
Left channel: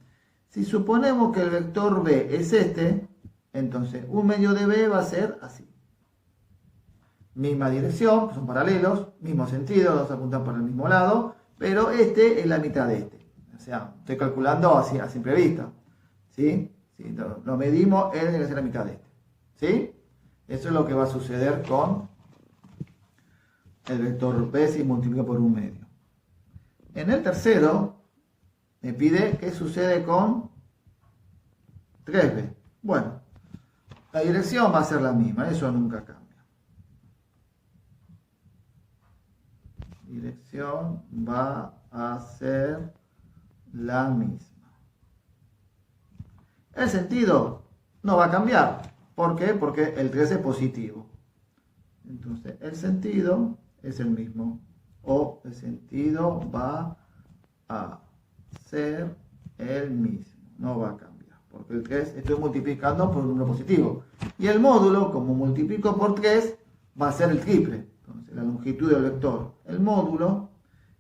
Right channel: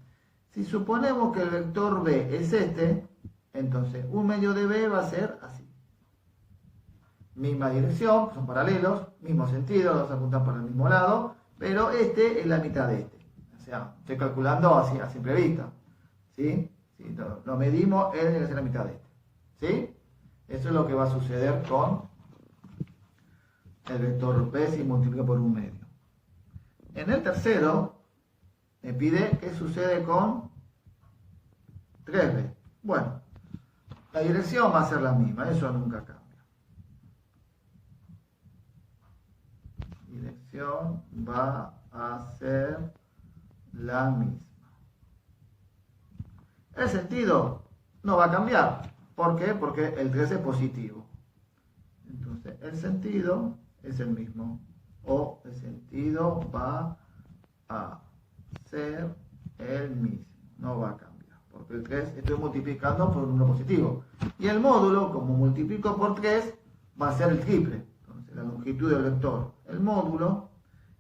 si suponemos que el vector b es este, entonces 1/2 de b va a ser así. Misma dirección, son paralelos, mismo sentido, los apuntan para el mismo lado, pero este es la mitad de este. O sea, estoy calculando así a simple vista. ¿Sí? Si lo medimos, él debe ser la mitad de este. ¿Sí? Eso es lo que va a suceder con el vector b si multiplico por 1/2. En el tercero, me pide qué sucede con 3b. Bueno, la dirección va a ser la misma, eso nunca cambia. Dirección va a ser la misma. El sentido no va a cambiar. ¿Por qué? Porque el 3 es positivo. Entonces, el sentido es el mismo. O el sentido va a ser el mismo. No va a cambiar. ¿Por porque el 3 estoy multiplicando por un número positivo. Y el módulo, como multiplico por 3, va a ser el triple. Entonces, la longitud del vector, el módulo,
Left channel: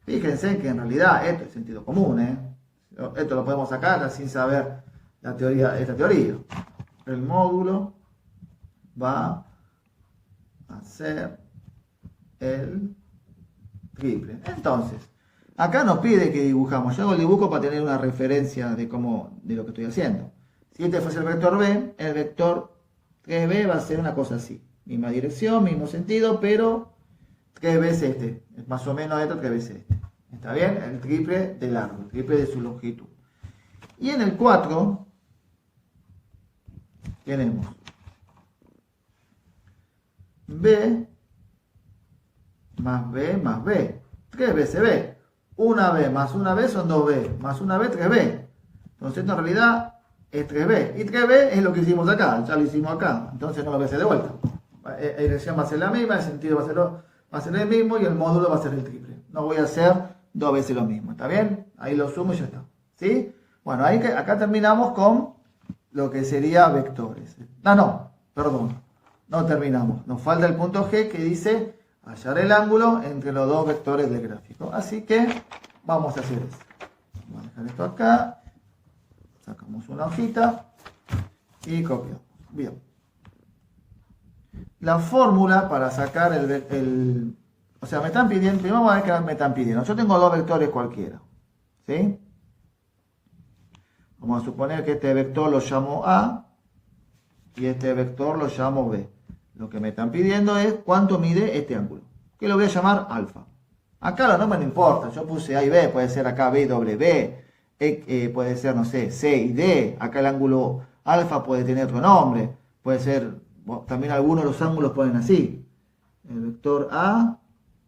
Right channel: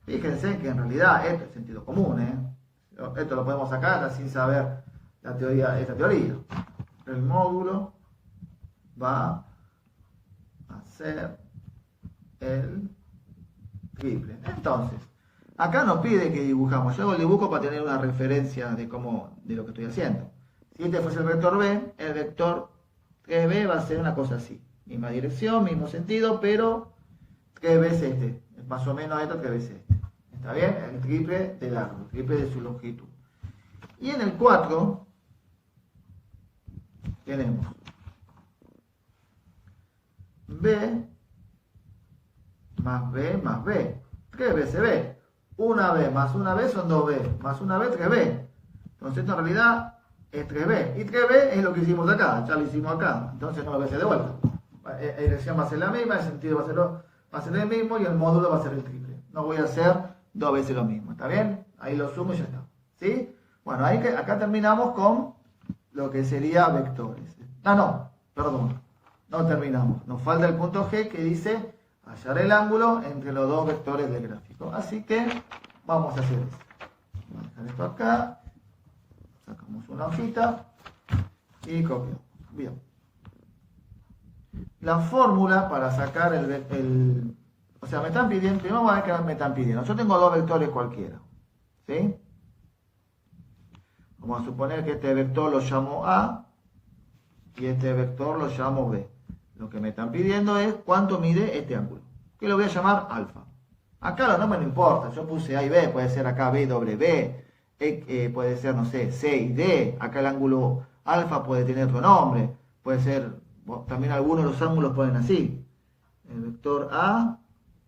fíjense que en realidad esto es sentido común, esto lo podemos sacar sin saber la teoría, esta teoría. El módulo va a ser el triple. Entonces, acá nos pide que dibujamos. Yo hago el dibujo para tener una referencia de lo que estoy haciendo. Si este fuese el vector B va a ser una cosa así. Misma dirección, mismo sentido, pero 3 veces este. Es más o menos esto, 3 veces este. ¿Está bien? El triple de largo, el triple de su longitud. Y en el 4 tenemos B más B más B. 3 veces B. Una B más una B son 2B. Más una B, 3B. Entonces, esto en realidad es 3B. Y 3B es lo que hicimos acá. Ya lo hicimos acá. Entonces, no lo voy a hacer de vuelta. La dirección va a ser la misma, el sentido va a ser el mismo y el módulo va a ser el triple. No voy a hacer 2 veces lo mismo. ¿Está bien? Ahí lo sumo y ya está. ¿Sí? Bueno, acá terminamos con lo que sería vectores. Perdón. No terminamos. Nos falta el punto G que dice hallar el ángulo entre los dos vectores del gráfico. Así que vamos a hacer eso. Vamos a dejar esto acá. Sacamos una hojita y copiamos. Bien. La fórmula para sacar o sea, me están pidiendo, primero vamos a ver qué me están pidiendo. Yo tengo dos vectores cualquiera. ¿Sí? Vamos a suponer que este vector lo llamo A y este vector lo llamo B. Lo que me están pidiendo es cuánto mide este ángulo, que lo voy a llamar alfa. Acá los nombres no importa, yo puse A y B, puede ser acá B y W, puede ser, no sé, C y D. Acá el ángulo alfa puede tener otro nombre, puede ser, también algunos de los ángulos ponen así. El vector A,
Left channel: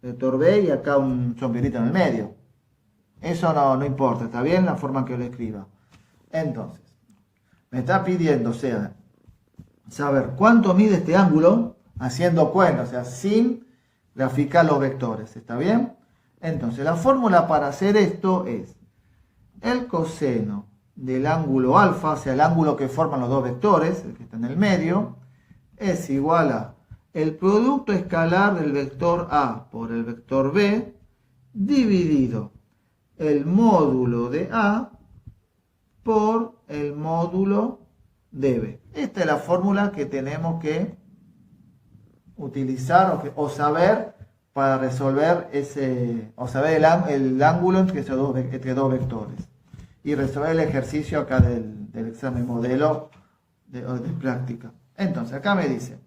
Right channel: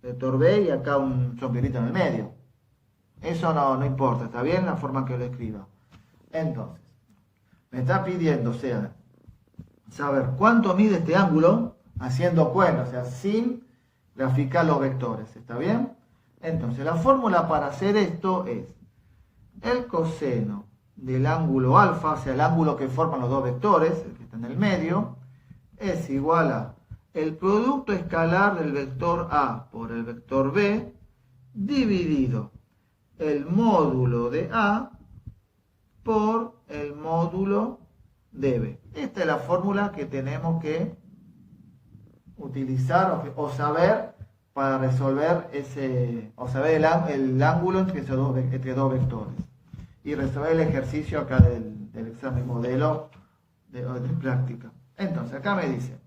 vector B y acá un sombrerito en el medio. Eso no importa, está bien la forma en que lo escriba. Entonces, me está pidiendo, o sea, saber cuánto mide este ángulo haciendo cuenta, o sea, sin graficar los vectores, ¿está bien? Entonces, la fórmula para hacer esto es el coseno del ángulo alfa, o sea, el ángulo que forman los dos vectores, el que está en el medio, es igual a el producto escalar del vector A por el vector B dividido el módulo de A por el módulo de B. Esta es la fórmula que tenemos que utilizar o saber para resolver o saber el ángulo entre dos vectores. Y resolver el ejercicio acá del examen modelo de práctica. Entonces, acá me dice,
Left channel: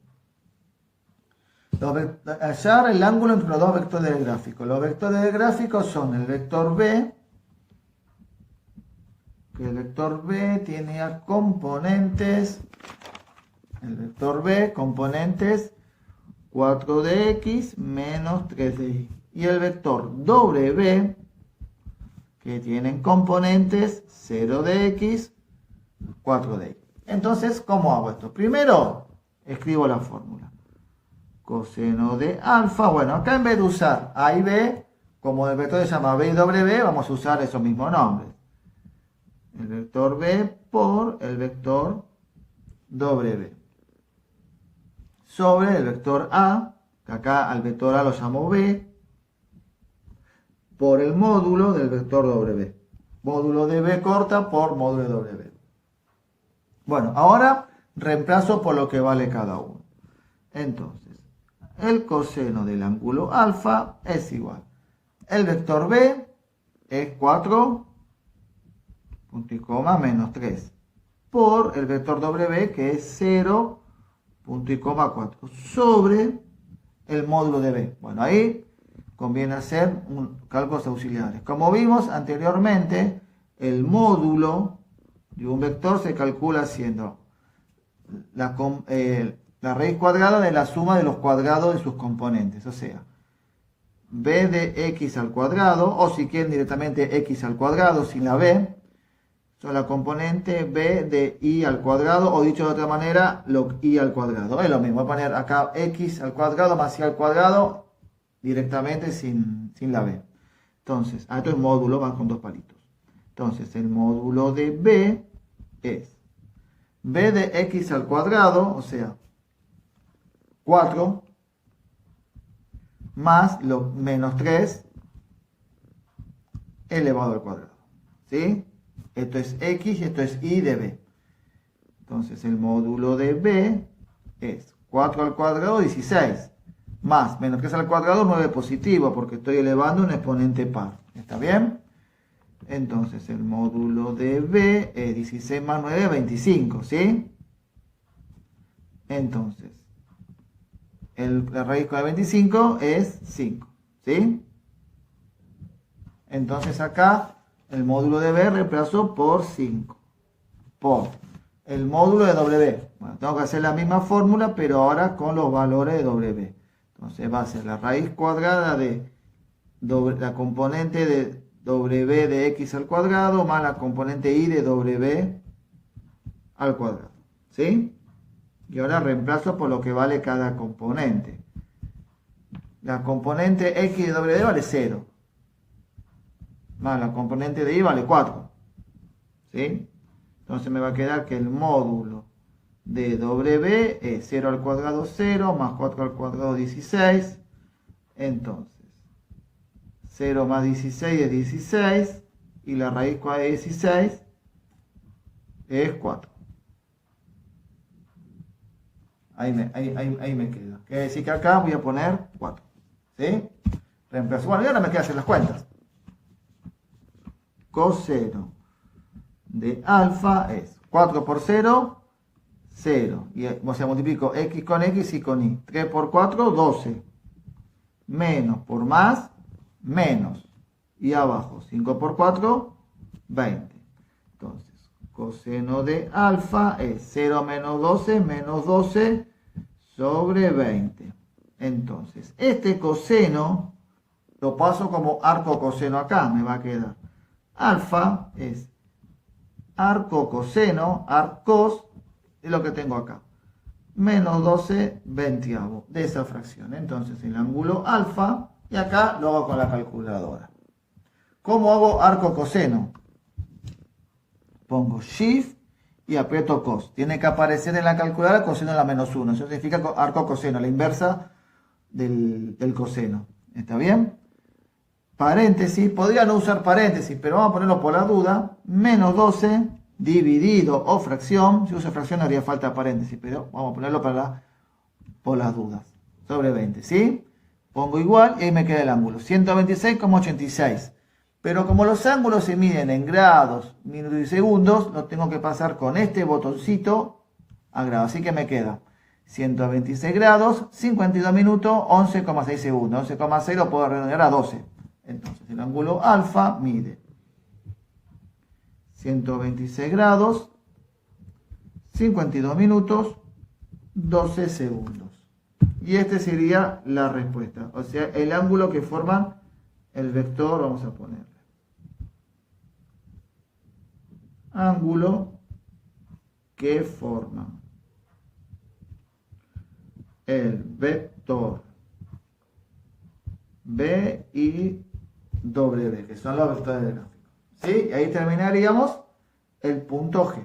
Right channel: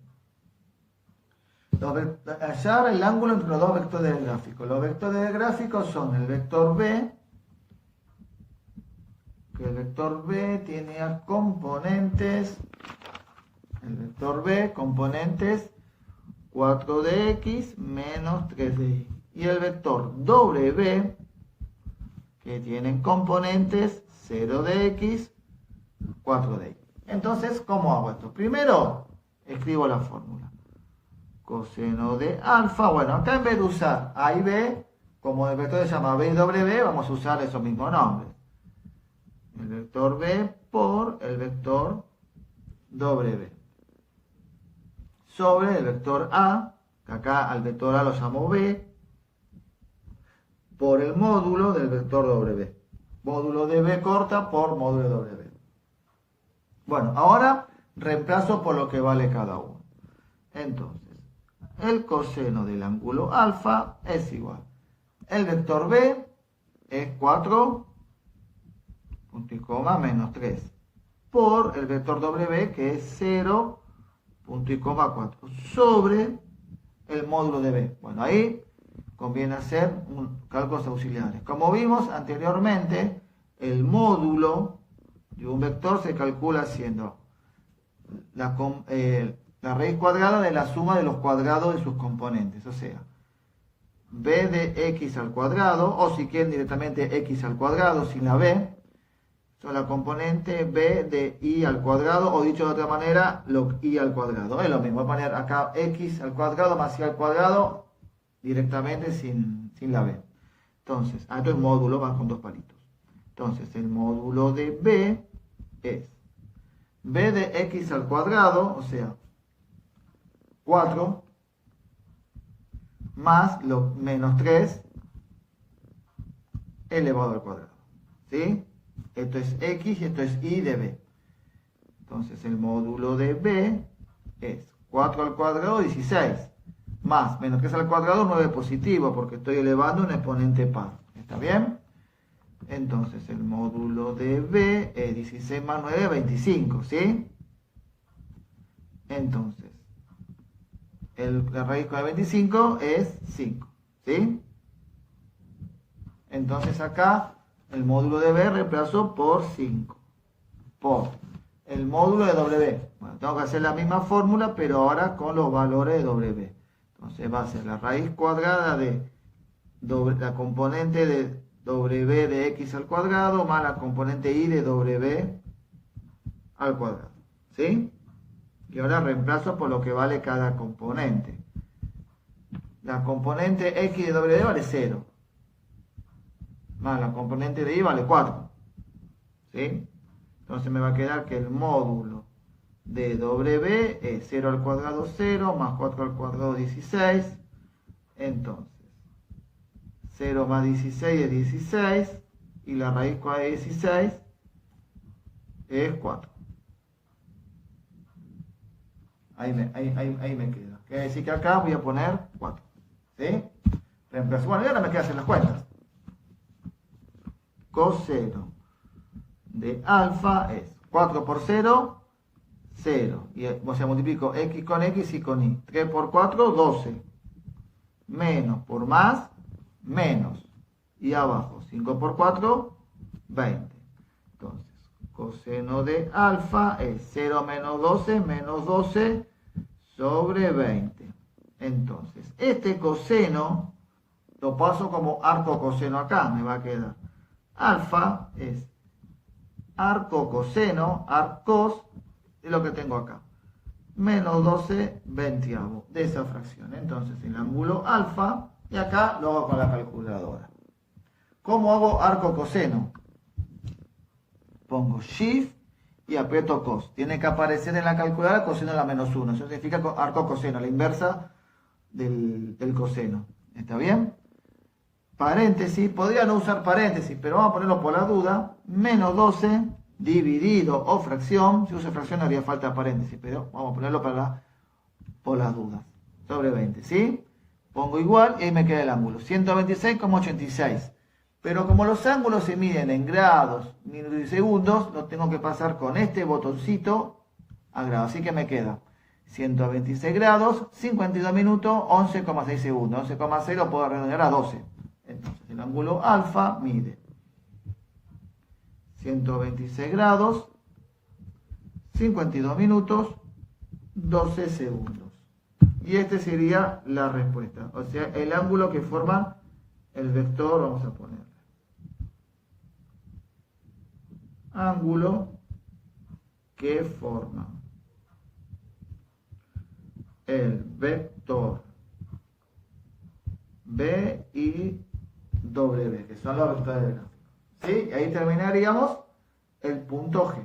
hallar el ángulo entre los dos vectores del gráfico. Los vectores del gráfico son el vector B, que el vector B tiene a componentes, el vector B, componentes 4 de x menos 3 de y. Y el vector W, que tienen componentes 0 de x, 4 de y. Entonces, ¿cómo hago esto? Primero, escribo la fórmula. Coseno de alfa, bueno, acá en vez de usar A y B, como el vector se llama B y W, vamos a usar esos mismos nombres. El vector B por el vector W. Sobre el vector A, que acá al vector A lo llamo B, por el módulo del vector W. Módulo de B corta por módulo de W. Bueno, ahora reemplazo por lo que vale cada uno. Entonces, el coseno del ángulo alfa es igual. El vector B es 4, punto y coma, menos 3. Por el vector W, que es 0, punto y coma 4. Sobre el módulo de B. Bueno, ahí conviene hacer cálculos auxiliares. Como vimos anteriormente, el módulo de un vector se calcula haciendo la raíz cuadrada de la suma de los cuadrados de sus componentes. O sea, b de x al cuadrado, o si quieren directamente x al cuadrado sin la b, son la componente b de y al cuadrado, o dicho de otra manera, log y al cuadrado. Es lo mismo, voy a poner acá x al cuadrado más y al cuadrado directamente sin la b. Entonces, estos módulos van con dos palitos. Entonces, el módulo de b es b de x al cuadrado, o sea, 4, más lo menos 3 elevado al cuadrado. ¿Sí? Esto es x y esto es y de b. Entonces el módulo de b es 4 al cuadrado, 16. Más menos 3 al cuadrado, 9 positivo, porque estoy elevando un exponente par. ¿Está bien? Entonces el módulo de b es 16 más 9, 25. ¿Sí? Entonces, la raíz de 25 es 5. ¿Sí? Entonces acá el módulo de b reemplazo por 5. Por el módulo de w. Bueno, tengo que hacer la misma fórmula, pero ahora con los valores de w. Entonces va a ser la raíz cuadrada de la componente de w de x al cuadrado más la componente y de w al cuadrado. ¿Sí? Y ahora reemplazo por lo que vale cada componente. La componente x de w vale 0. Más la componente de y vale 4. ¿Sí? Entonces me va a quedar que el módulo de w es 0 al cuadrado 0, más 4 al cuadrado 16. Entonces, 0 más 16 es 16, y la raíz cuadrada de 16 es 4. Ahí me queda. Quiere decir que acá voy a poner 4. ¿Sí? Reemplazo. Bueno, y ahora me queda hacer las cuentas. Coseno de alfa es 4 por 0, 0. Y, o sea, multiplico x con x y con y. 3 por 4, 12. Menos por más, menos. Y abajo, 5 por 4, 20. Entonces, coseno de alfa es 0 menos 12 sobre 20. Entonces, este coseno lo paso como arco coseno acá, me va a quedar. Alfa es arco coseno, arcos, es lo que tengo acá. Menos 12 veintiavos de esa fracción. Entonces el ángulo alfa, y acá lo hago con la calculadora. ¿Cómo hago arco coseno? Pongo shift y aprieto cos. Tiene que aparecer en la calculadora coseno a la menos 1. Eso significa arco coseno, la inversa del coseno. ¿Está bien? Paréntesis, podría no usar paréntesis, pero vamos a ponerlo por la duda. Menos 12 dividido o fracción. Si uso fracción no haría falta paréntesis, pero vamos a ponerlo por las dudas. Sobre 20, ¿sí? Pongo igual y ahí me queda el ángulo. 126,86. Pero como los ángulos se miden en grados, minutos y segundos, lo tengo que pasar con este botoncito a grados. Así que me queda 126 grados, 52 minutos, 11,6 segundos. 11,6 lo puedo redondear a 12. Entonces el ángulo alfa mide 126 grados, 52 minutos, 12 segundos. Y este sería la respuesta. O sea, el ángulo que forman el vector, vamos a ponerle. Ángulo que forman el vector B y W, que son los vectores del gráfico. ¿Sí? Y ahí terminaríamos el punto G.